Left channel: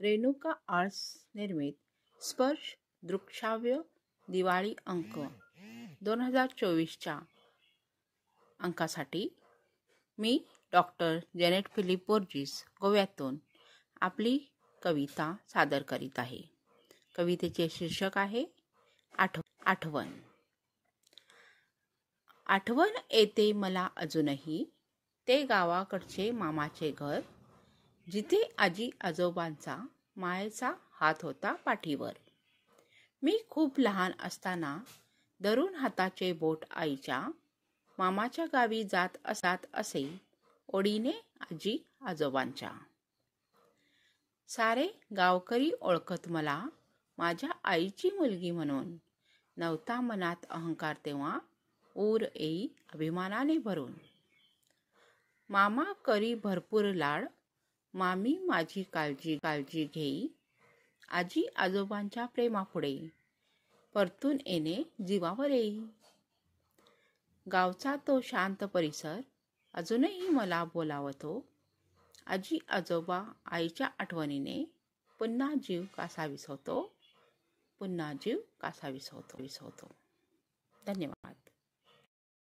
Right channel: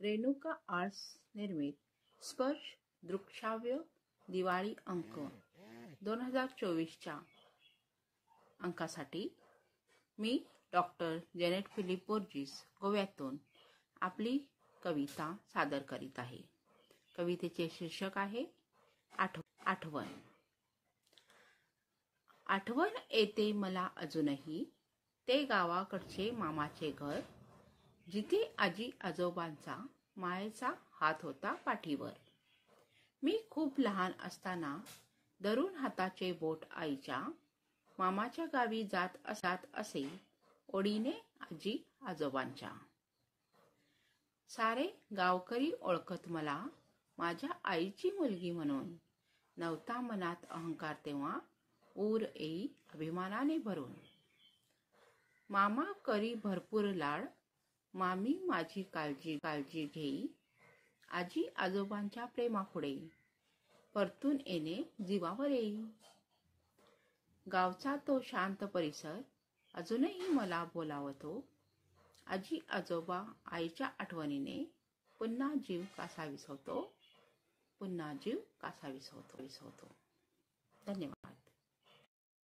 Renuka arts निर्मित स्पर्श दृकश्राव्य दिवाळी अंक 2024च्या अंकासाठी मी डॉक्टर जेनेट फिलिप बोर्जिस गोव्यातून आपली कविता सादर करीत आहे. कवितेचे शीर्षक आहे आठवण. आठवण येते मला अजूनही ते गावाकडचे मामाचे घर, जिथे आजी आजोबांचा मायेचा हात होता पाठीवर. मी खूप लहान असताना धरून हाताचे बोट आईच्या मामाच्या गावी जात असे ओढीने आजी आजोबांच्या. सारे गावकरी ओळखत मला माझ्या आईची मुलगी म्हणून. नव्हता मनात अहंकार तेव्हा, ऊर येई अभिमानाने भरून. मामा करी भरपूर लाड, मामी माझी काळजी घेई. आजी आजोबांच्या प्रेमापुढे परतून येणे जीवावर येई. गावचा तो शांत परिसर अजूनही मला बोलावतो. आजी आजोबा आईच्या आठवणीने पुन्हा जीव कासा विसवतो. धन्यवाद.